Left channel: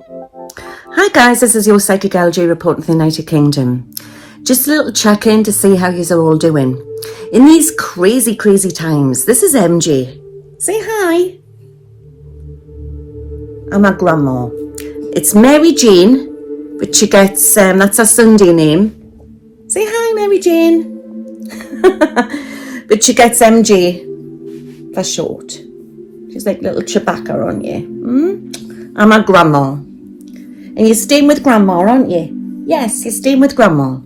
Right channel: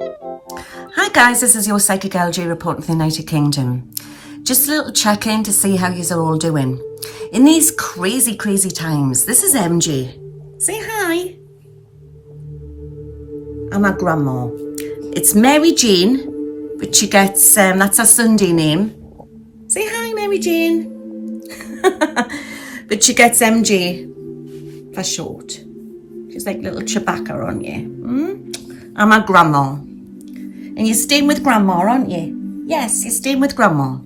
Hi guys, this is your Psychic LG reporting from the United Kingdom. Just a little check-in to see how yous are all doing. In these crazy times, this is MG. Say hi. I'm my grandma. It's Mary Jane, but she gets, that's her Sunday name. Say hi, Mary Jane. But she gets MG for short. She's like little Chewbacca on you. I'm my grandma. And you're staying with grandma, aren't you? Yes, you're staying with grandma.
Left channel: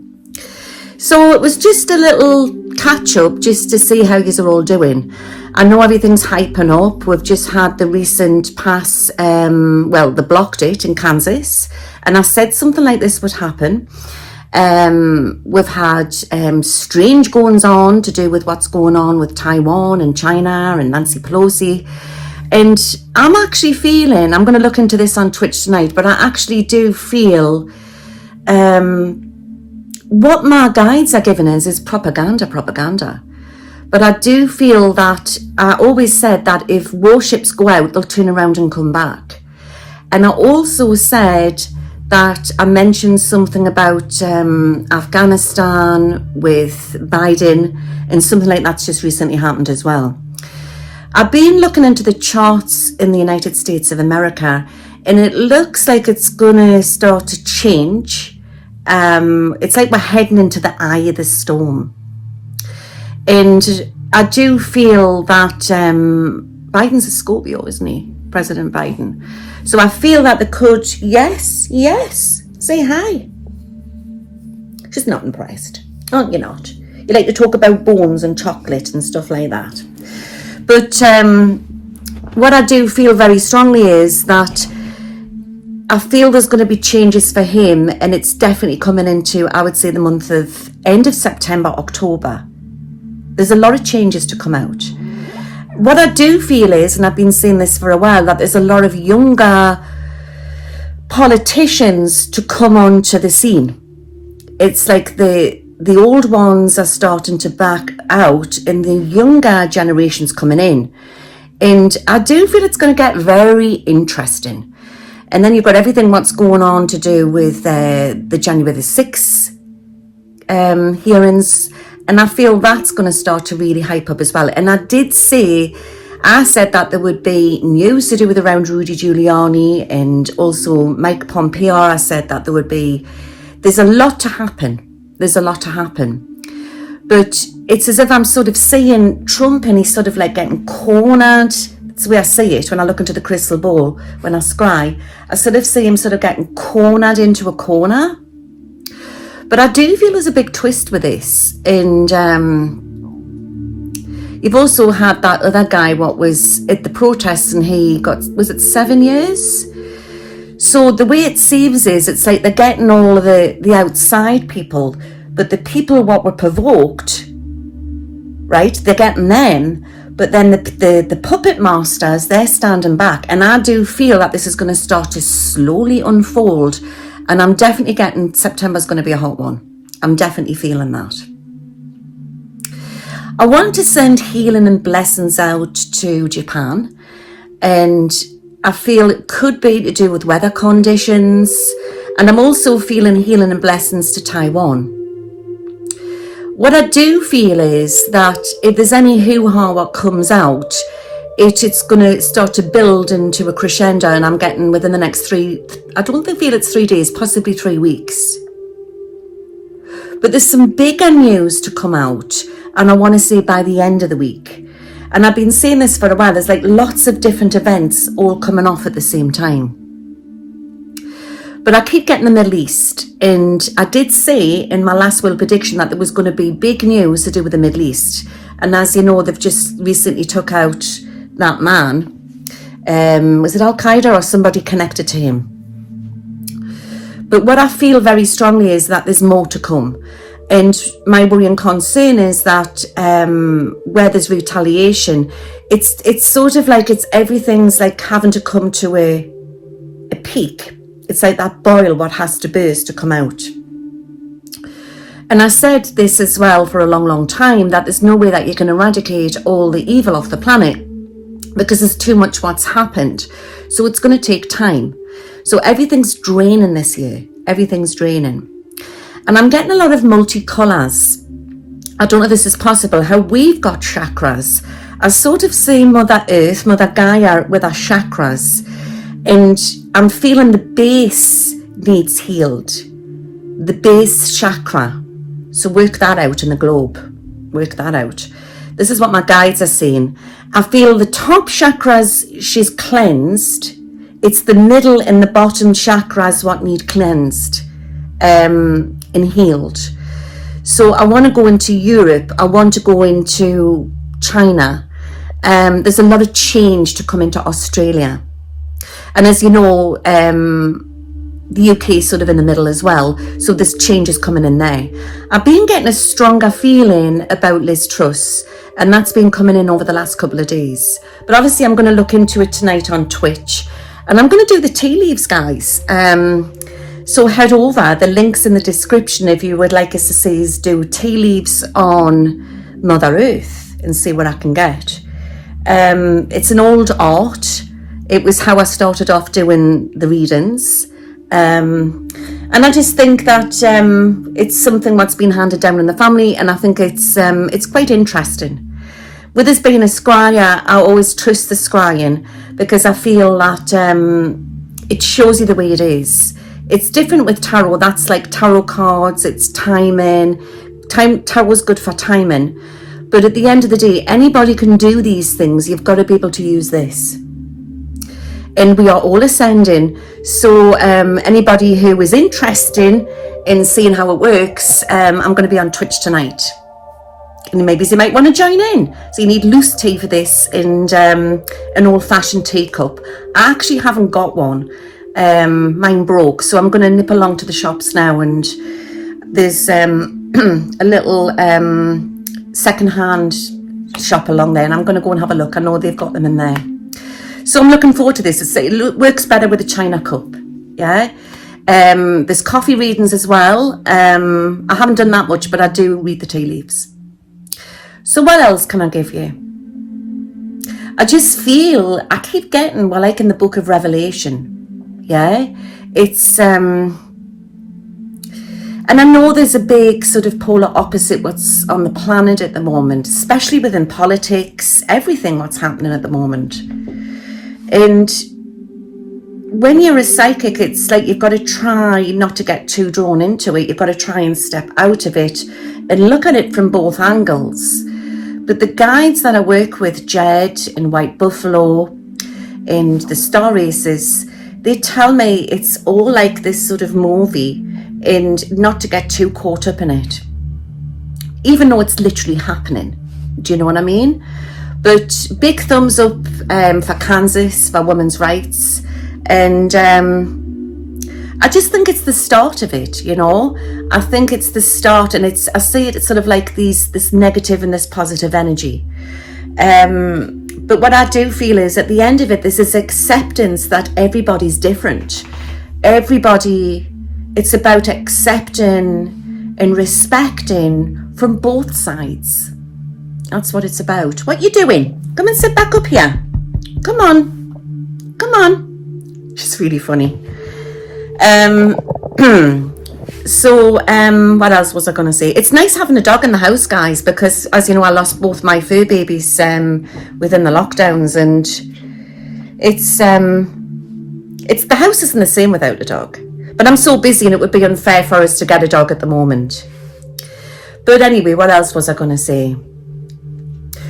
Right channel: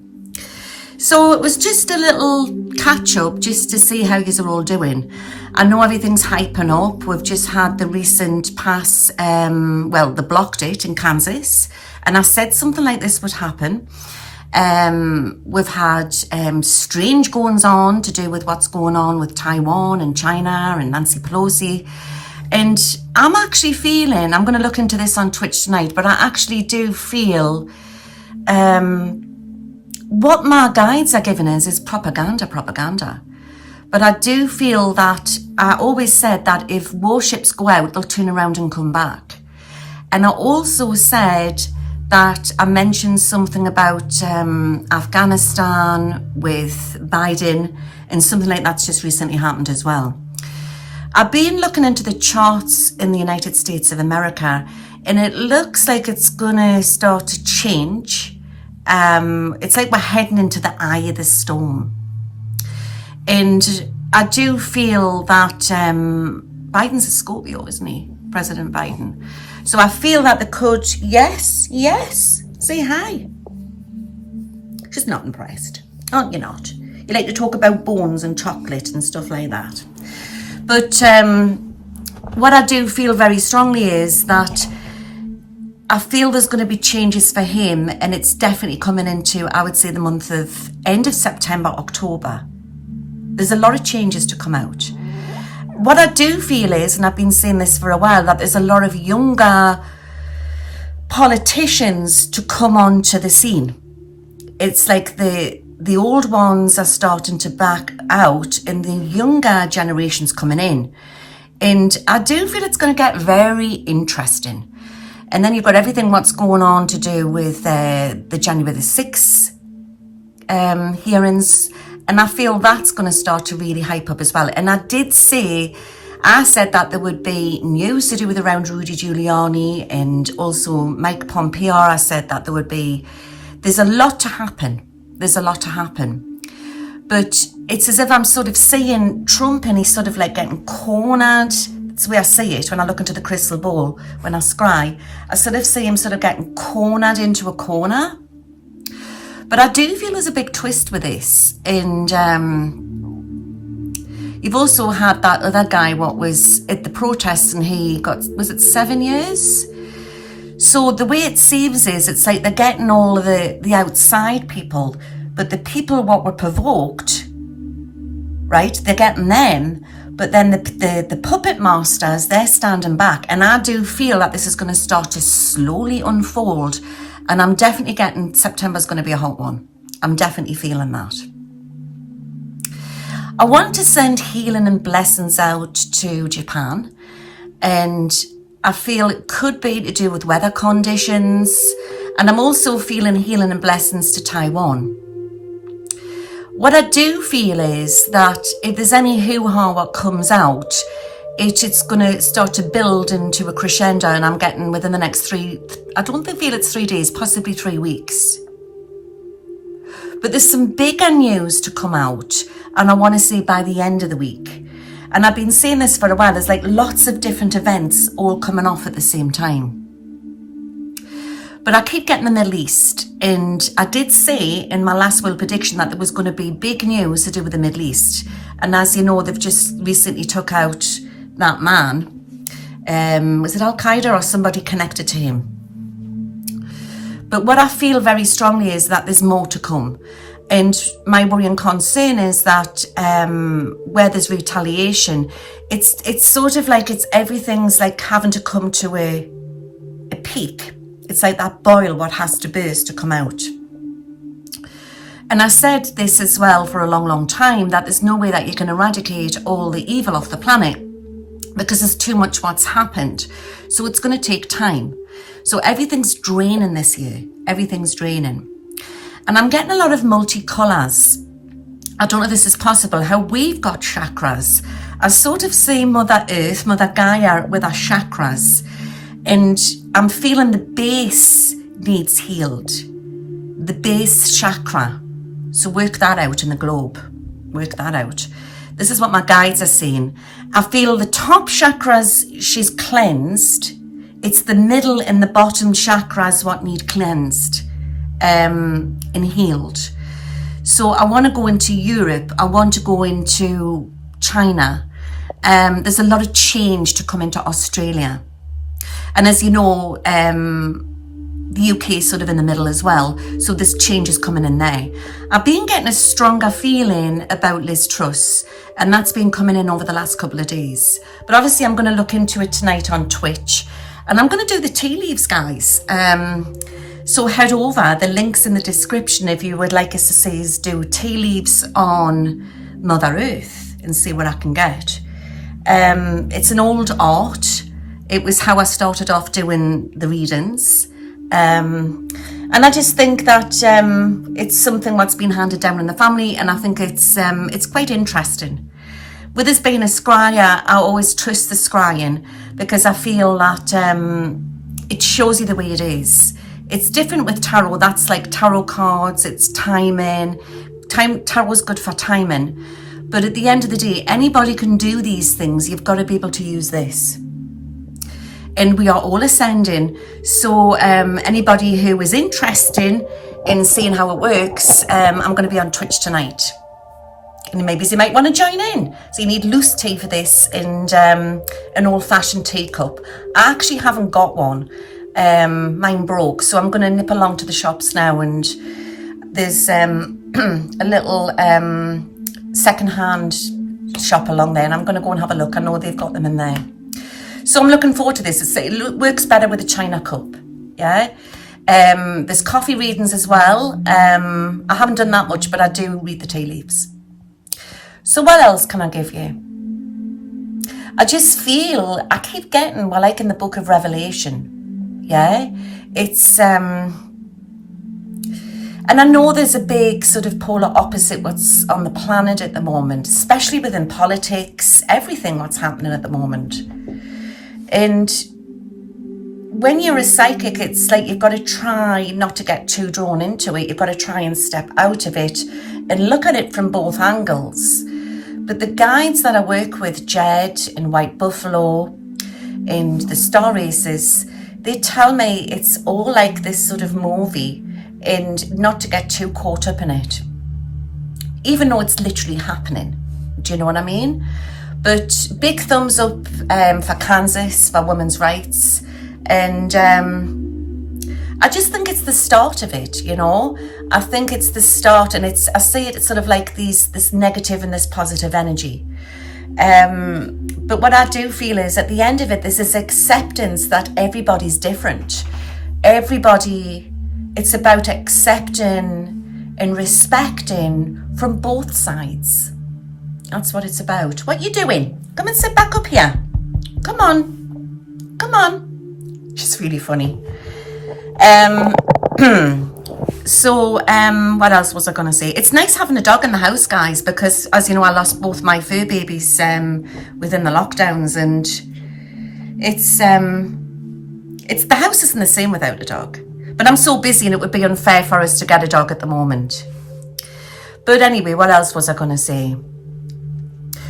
So it was just a little catch up just to see how yous are all doing. I know everything's hyping up. We've just had the recent pass, they blocked it in Kansas. And I said something like this would happen. We've had strange goings on to do with what's going on with Taiwan and China and Nancy Pelosi. And I'm actually feeling, I'm going to look into this on Twitch tonight, but I actually do feel what my guides are giving us is propaganda. But I do feel that, I always said that if warships go out, they'll turn around and come back. And I also said that I mentioned something about Afghanistan with Biden, and something like that's just recently happened as well. I've been looking into the charts in the United States of America, and it looks like it's going to start to change. It's like we're heading into the eye of the storm. And I do feel that Biden's a Scorpio, isn't he? President Biden. So I feel that the could, yes, say hi. She's not impressed, aren't you not? You like to talk about bones and chocolate and stuff like that. But what I do feel very strongly is that I feel there's going to be changes for him, and it's definitely coming into, I would say, the month of end of September, October. There's a lot of changes to come out. What I do feel is, and I've been saying this for a while, that there's a lot of younger politicians to come onto the scene. It's like the old ones are starting to back out and the younger generation's coming in. And I do feel it's going to get very interesting. And then you've got everything what's going on to do with the January the 6th hearings. And I feel that's going to start to really hype up as well. And I said that there would be news to do with around Rudy Giuliani and also Mike Pompeo. I said that there's a lot to happen. There's a lot to happen. But it's as if I'm sort of seeing Trump, and he's sort of like getting cornered. That's the way I see it when I look into the crystal ball, when I scry. I sort of see him sort of getting cornered into a corner. But I do feel there's a big twist with this. And you've also had that other guy what was at the protests, and he got, was it 7 years? So the way it seems is it's like they're getting all of the outside people, but the people what were provoked, right, they're getting them, but then the puppet masters, they're standing back. And I do feel that this is going to start to slowly unfold. And I'm definitely getting September's going to be a hot one. I'm definitely feeling that. I want to send healing and blessings out to Japan. And I feel it could be to do with weather conditions. And I'm also feeling healing and blessings to Taiwan. What I do feel is that if there's any hoo-ha what comes out, it's going to start to build into a crescendo, and I'm getting within the next I don't feel it's 3 days, possibly 3 weeks. But there's some bigger news to come out, and I want to say by the end of the week. And I've been saying this for a while, there's like lots of different events all coming off at the same time. But I keep getting the Middle East, and I did say in my last will prediction that there was going to be big news to do with the Middle East. And as you know, they've just recently took out that man. Was it Al-Qaeda or somebody connected to him? But what I feel very strongly is that there's more to come. And my worry and concern is that where there's retaliation, it's sort of like everything's like having to come to a peak. It's like that boil what has to burst to come out. And I said this as well for a long time, that there's no way that you can eradicate all the evil off the planet because there's too much what's happened. So it's going to take time. So everything's draining this year. Everything's draining. And I'm getting a lot of multicolours. I don't know if this is possible, how we've got chakras. I sort of see Mother Earth, Mother Gaia with our chakras. And I'm feeling the base needs healed. The base chakra. So work that out in the globe. Work that out. This is what my guides are saying. I feel the top chakras, she's cleansed. It's the middle and the bottom chakras what need cleansed and healed. So I want to go into Europe. I want to go into China. There's a lot of change to come into Australia. And as you know, the UK is sort of in the middle as well. So this change is coming in there. I've been getting a stronger feeling about Liz Truss, and that's been coming in over the last couple of days. But obviously I'm going to look into it tonight on Twitch. And I'm going to do the tea leaves, guys. So head over, the link's in the description if you would like us to see us do tea leaves on Mother Earth and see what I can get. It's an old art. It was how I started off doing the readings. And I just think that it's something that's been handed down in the family, and I think it's quite interesting. With us being a scryer, I always trust the scrying because I feel that it shows you the way it is. It's different with tarot. That's like tarot cards. It's timing. Tarot's good for timing. But at the end of the day, anybody can do these things. You've got to be able to use this. And we are all ascending. So anybody who is interested in seeing how it works, I'm going to be on Twitch tonight. And maybe you might want to join in. So you need loose tea for this and an old-fashioned teacup. I actually haven't got one. Mine broke, so I'm going to nip along to the shops now, and there's a little second-hand shop along there, and I'm going to go and have a look. I know they've got them in there. So I'm looking forward to this. It works better with a china cup. Yeah. There's coffee readings as well. I haven't done that much, but I do read the tea leaves. So what else can I give you? I just feel, I keep getting, well, like in the book of Revelation. Yeah. It's, and I know there's a big sort of polar opposite what's on the planet at the moment, especially within politics, everything what's happening at the moment. And when you're a psychic, it's like you've got to try not to get too drawn into it. You've got to try and step out of it and look at it from both angles. But the guides that I work with, Jed and White Buffalo and the Star Races, they tell me it's all like this sort of movie and not to get too caught up in it, even though it's literally happening. Do you know what I mean? But big thumbs up for Kansas, for women's rights. And I just think it's the start of it, you know. I think it's the start, and I see it, it's sort of like this negative and this positive energy. But what I do feel is at the end of it, there's this acceptance that everybody's different. It's about accepting and respecting from both sides. That's what it's about. What you doing? Come and sit back up here. Come on. Come on. She's really funny. So what else was I going to say? It's nice having a dog in the house, guys, because as you know, I lost both my fur babies within the lockdowns, and it's the house isn't the same without a dog. But I'm so busy, and it would be unfair for us to get a dog at the moment. But anyway, what else was I going to say?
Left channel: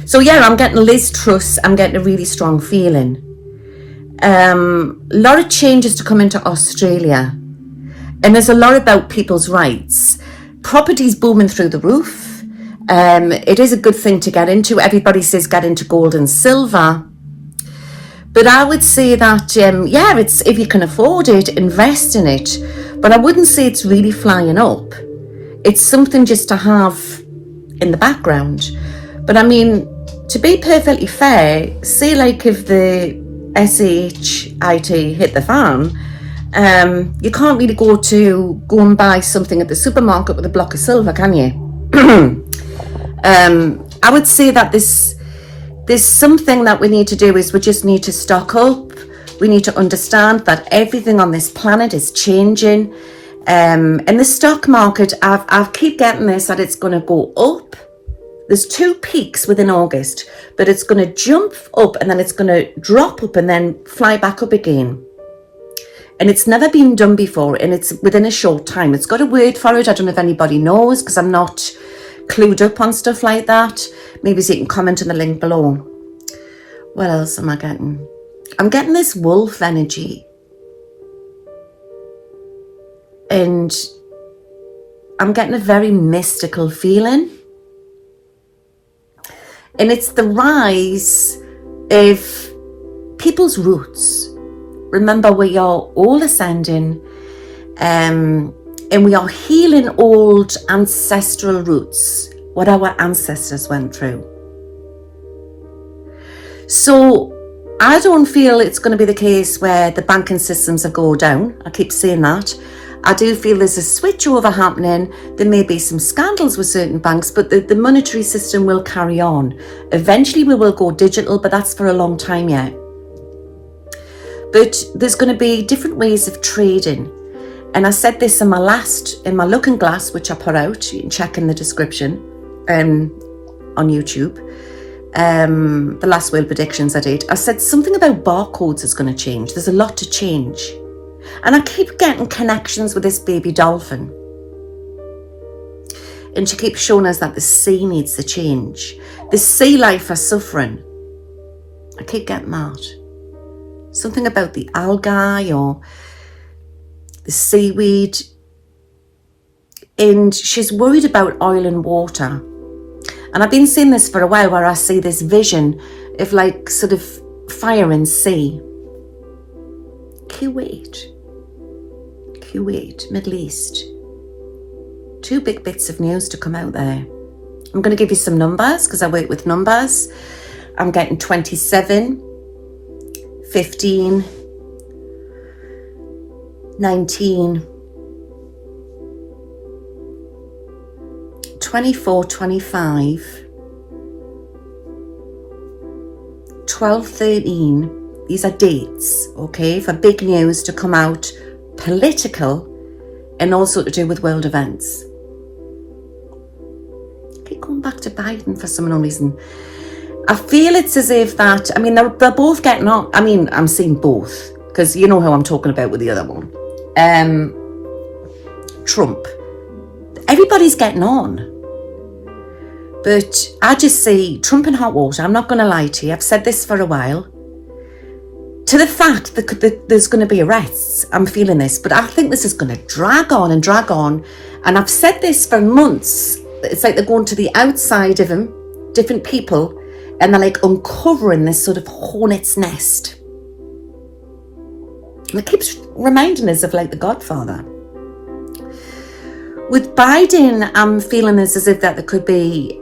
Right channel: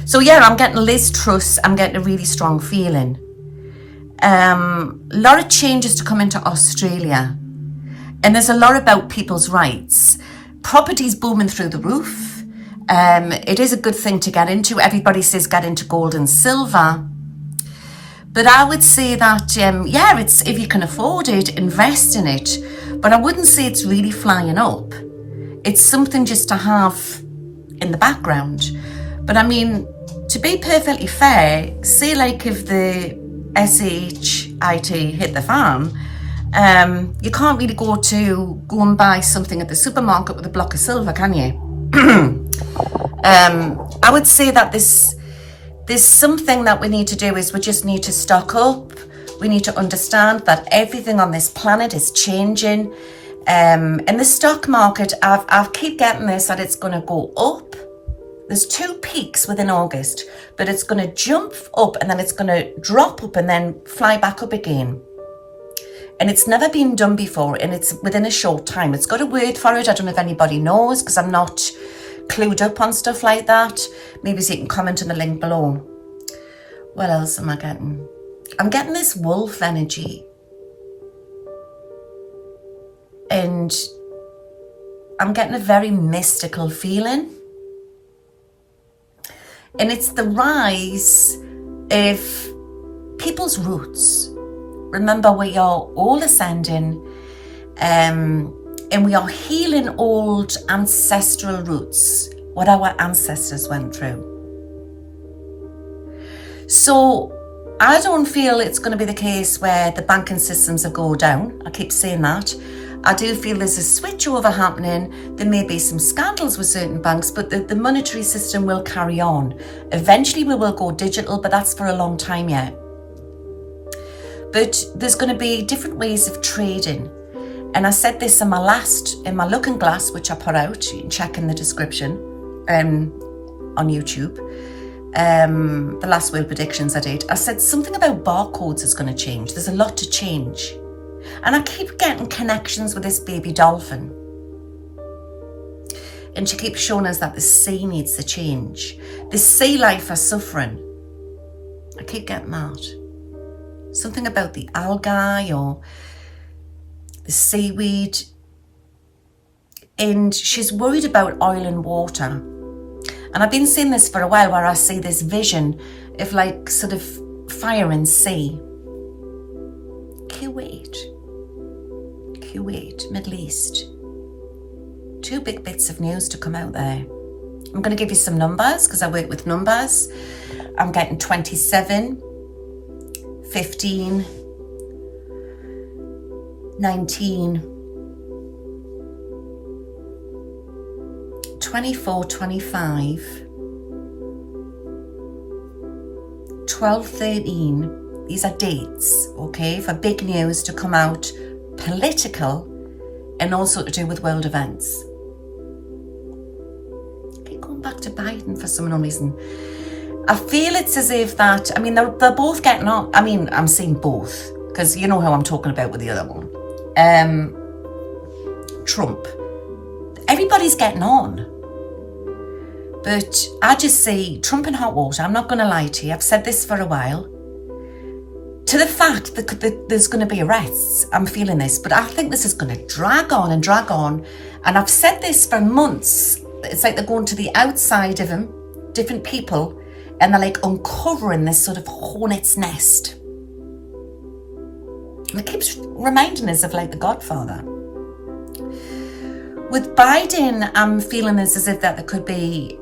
So yeah, I'm getting Liz Truss. I'm getting a really strong feeling. A lot of changes to come into Australia. And there's a lot about people's rights. Property's booming through the roof. It is a good thing to get into. Everybody says get into gold and silver. But I would say that, yeah, it's if you can afford it, invest in it. But I wouldn't say it's really flying up. It's something just to have in the background. But I mean, to be perfectly fair, say like if the SHIT hit the fan, you can't really go and buy something at the supermarket with a block of silver, can you? I would say that there's something that we need to do is we just need to stock up. We need to understand that everything on this planet is changing. In the stock market, I keep getting this, that it's going to go up. There's 2 peaks within August, but it's going to jump up and then it's going to drop up and then fly back up again. And it's never been done before, and it's within a short time. It's got a word for it. I don't know if anybody knows, because I'm not clued up on stuff like that. Maybe so you can comment on the link below. What else am I getting? I'm getting this wolf energy. And I'm getting a very mystical feeling. And it's the rise of people's roots. Remember, we are all ascending, and we are healing old ancestral roots, what our ancestors went through. So I don't feel it's going to be the case where the banking systems have gone down. I keep saying that. I do feel there's a switch over happening. There may be some scandals with certain banks, but the monetary system will carry on. Eventually we will go digital, but that's for a long time yet. But there's going to be different ways of trading. And I said this in my looking glass, which I put out, you can check in the description on YouTube. The last world predictions I did, I said something about barcodes is going to change. There's a lot to change. And I keep getting connections with this baby dolphin. And she keeps showing us that the sea needs to change. The sea life are suffering. I keep getting that. Something about the algae or the seaweed. And she's worried about oil and water. And I've been seeing this for a while, where I see this vision of like sort of fire and sea. Kuwait, Middle East. 2 big bits of news to come out there. I'm going to give you some numbers because I work with numbers. I'm getting 27, 15, 19, 24, 25, 12, 13. These are dates, okay, for big news to come out, political, and also to do with world events. I keep going back to Biden for some unknown reason. I feel it's as if that, I mean, they're both getting on. I mean, I'm seeing both, because you know how I'm talking about with the other one. Trump. Everybody's getting on. But I just see Trump in hot water. I'm not going to lie to you. I've said this for a while. To the fact that there's going to be arrests. I'm feeling this. But I think this is going to drag on and drag on. And I've said this for months. It's like they're going to the outside of him, different people, and they're like uncovering this sort of hornet's nest. And it keeps reminding us of like The Godfather. With Biden, I'm feeling this as if that there could be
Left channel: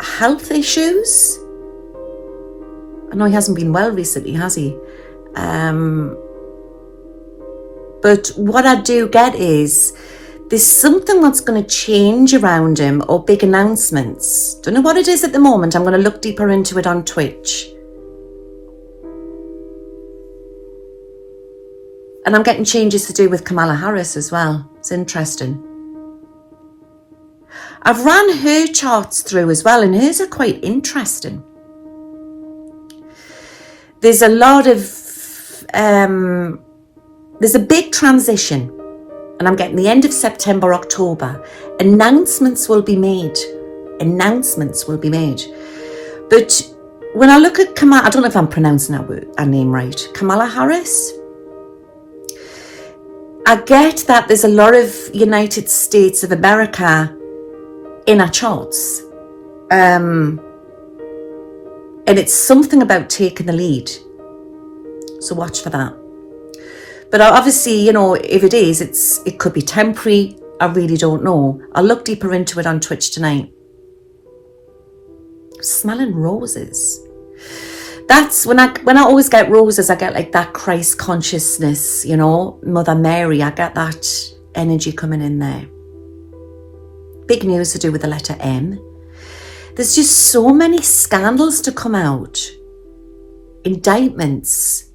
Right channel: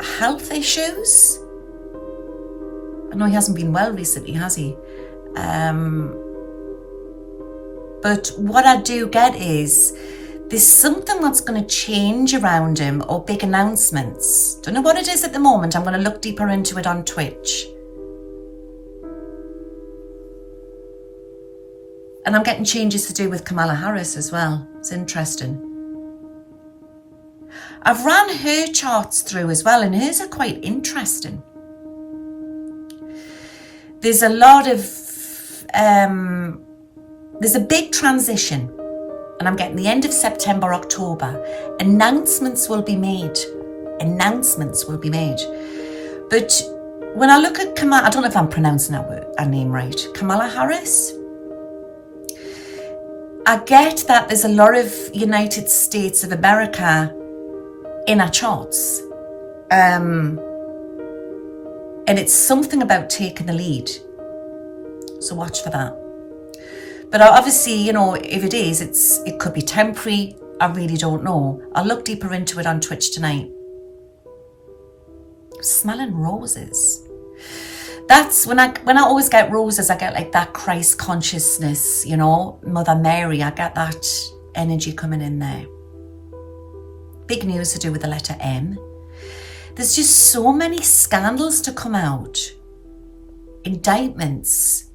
health issues. I know he hasn't been well recently, has he? But what I do get is there's something that's going to change around him, or big announcements. Don't know what it is at the moment. I'm going to look deeper into it on Twitch. And I'm getting changes to do with Kamala Harris as well. It's interesting. I've ran her charts through as well, and hers are quite interesting. There's a lot of, there's a big transition, and I'm getting the end of September, October. Announcements will be made. But when I look at Kamala, I don't know if I'm pronouncing her name right, Kamala Harris, I get that there's a lot of United States of America in our charts. And it's something about taking the lead. So watch for that. But obviously, you know, if it is, it could be temporary. I really don't know. I'll look deeper into it on Twitch tonight. Smelling roses. That's when I always get roses, I get like that Christ consciousness, you know, Mother Mary, I get that energy coming in there. Big news to do with the letter M. There's just so many scandals to come out. Indictments.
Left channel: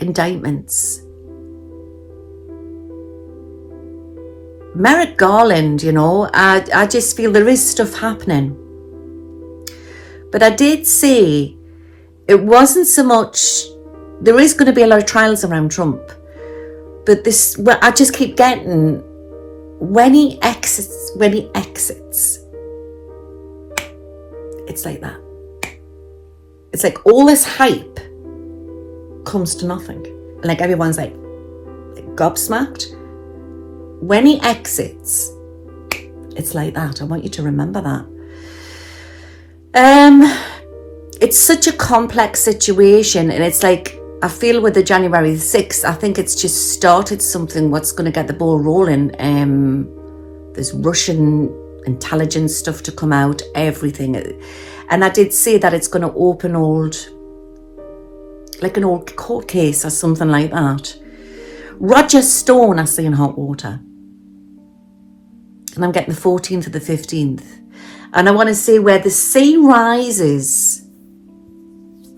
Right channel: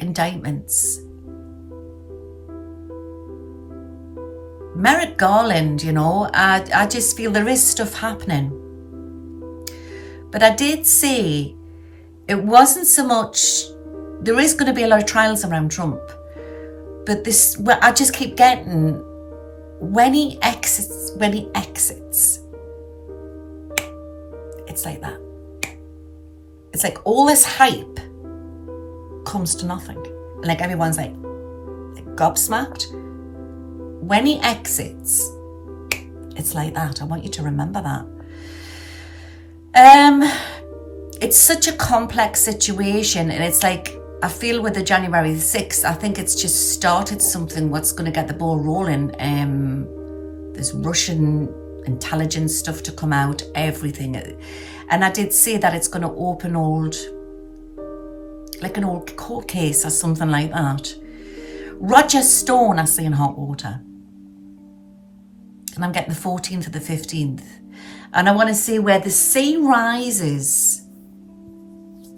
indictments. Merrick Garland, you know, I just feel there is stuff happening. But I did say it wasn't so much, there is going to be a lot of trials around Trump. But this, well, I just keep getting, when he exits, it's like that. It's like all this hype comes to nothing. Like everyone's like gobsmacked. When he exits, it's like that. I want you to remember that. It's such a complex situation, and it's like, I feel with the January 6th, I think it's just started something what's going to get the ball rolling. There's Russian intelligence stuff to come out, everything. And I did say that it's going to open like an old court case or something like that. Roger Stone, I see in hot water. And I'm getting the 14th to the 15th. And I want to say where the sea rises,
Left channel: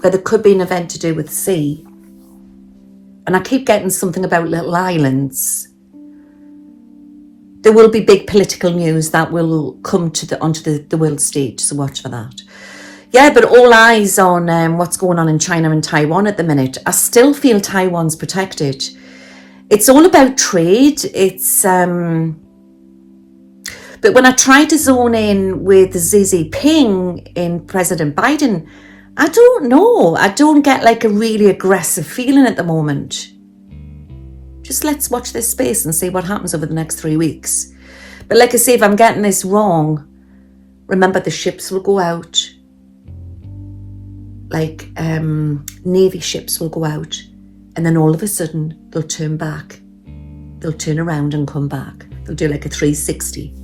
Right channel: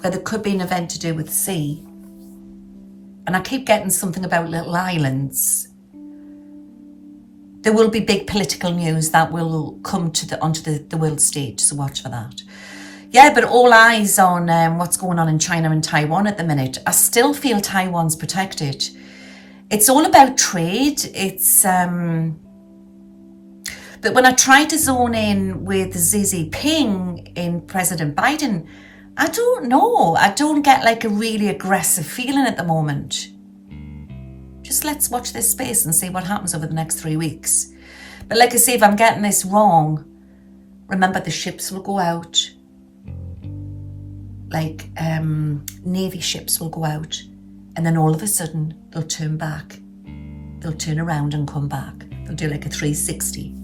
where there could be an event to do with the sea. And I keep getting something about little islands. There will be big political news that will come onto the world stage, so watch for that. Yeah, but all eyes on what's going on in China and Taiwan at the minute. I still feel Taiwan's protected. It's all about trade. It's but when I try to zone in with Xi Jinping in President Biden, I don't know. I don't get like a really aggressive feeling at the moment. Just let's watch this space and see what happens over the next 3 weeks. But like I say, if I'm getting this wrong, remember the ships will go out. Like Navy ships will go out. And then all of a sudden, they'll turn back. They'll turn around and come back. They'll do like a 360.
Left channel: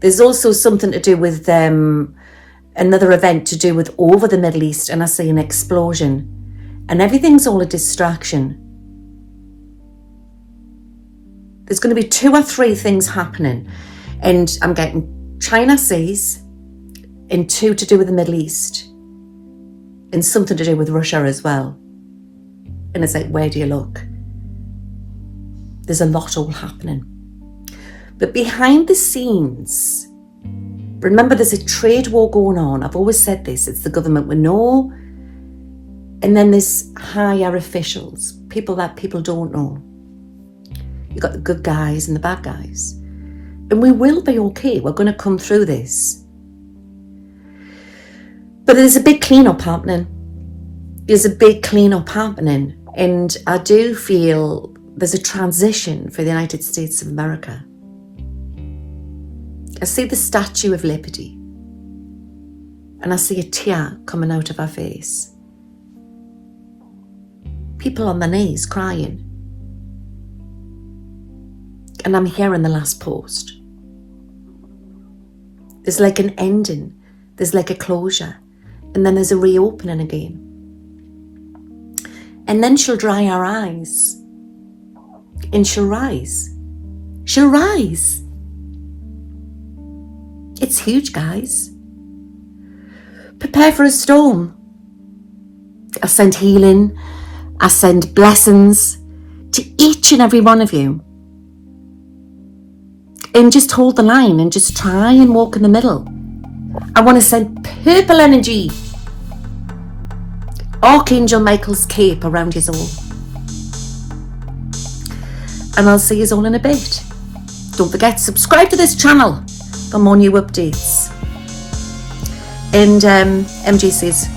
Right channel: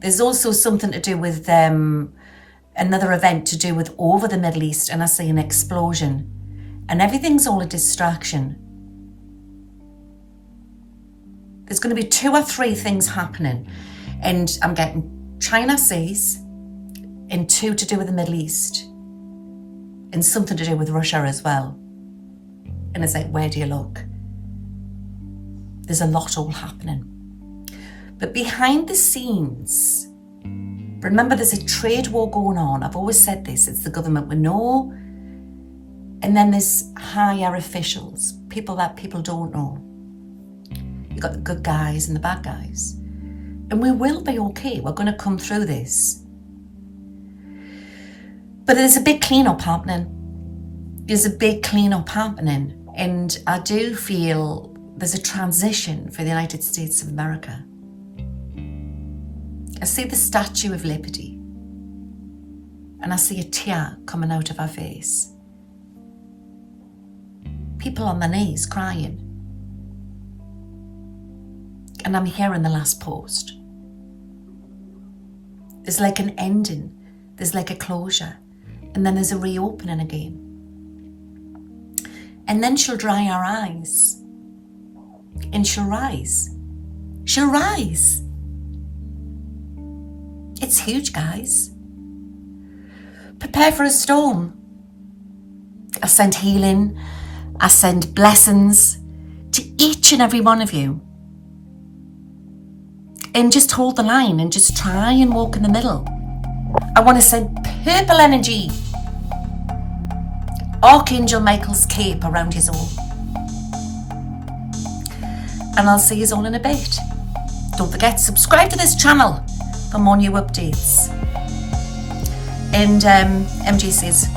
There's also something to do with another event to do with over the Middle East, and I see an explosion. And everything's all a distraction. There's going to be 2 or 3 things happening. And I'm getting China seas, and 2 to do with the Middle East. And something to do with Russia as well. And it's like, where do you look? There's a lot all happening. But behind the scenes, remember there's a trade war going on. I've always said this, it's the government we know. And then there's higher officials, people that people don't know. You've got the good guys and the bad guys. And we will be okay. We're going to come through this. But there's a big clean-up happening. There's a big clean-up happening. And I do feel there's a transition for the United States of America. I see the Statue of Liberty. And I see a tear coming out of her face. People on their knees crying. And I'm hearing the last post. There's like an ending. There's like a closure. And then there's a reopening again. And then she'll dry her eyes. And she'll rise. She'll rise. It's huge, guys. Prepare for a storm. I send healing. I send blessings to each and every one of you. And just hold the line and just try and walk in the middle. I want to send purple energy. Archangel Michael's cape around you all. And I'll see you all in a bit. Don't forget, subscribe to this channel for more new updates. And MG says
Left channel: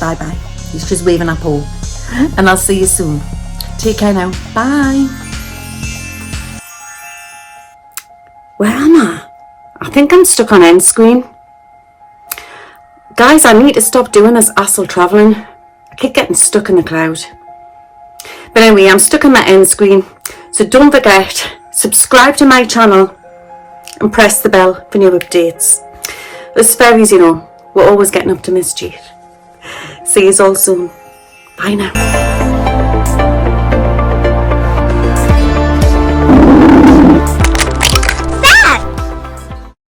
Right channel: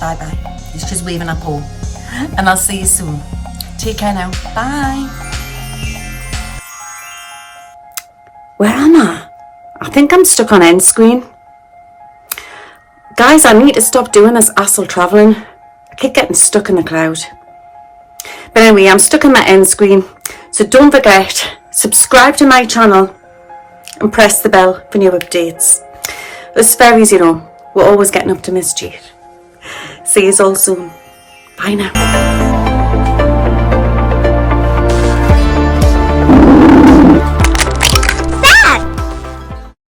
bye-bye. He's just waving up all. And I'll see you soon. Take care now. Bye. Where am I? I think I'm stuck on end screen. Guys, I need to stop doing this astral travelling. I keep getting stuck in the cloud. But anyway, I'm stuck on my end screen. So don't forget, subscribe to my channel and press the bell for new updates. Us fairies, you know, we're always getting up to mischief. See you all soon. Bye now.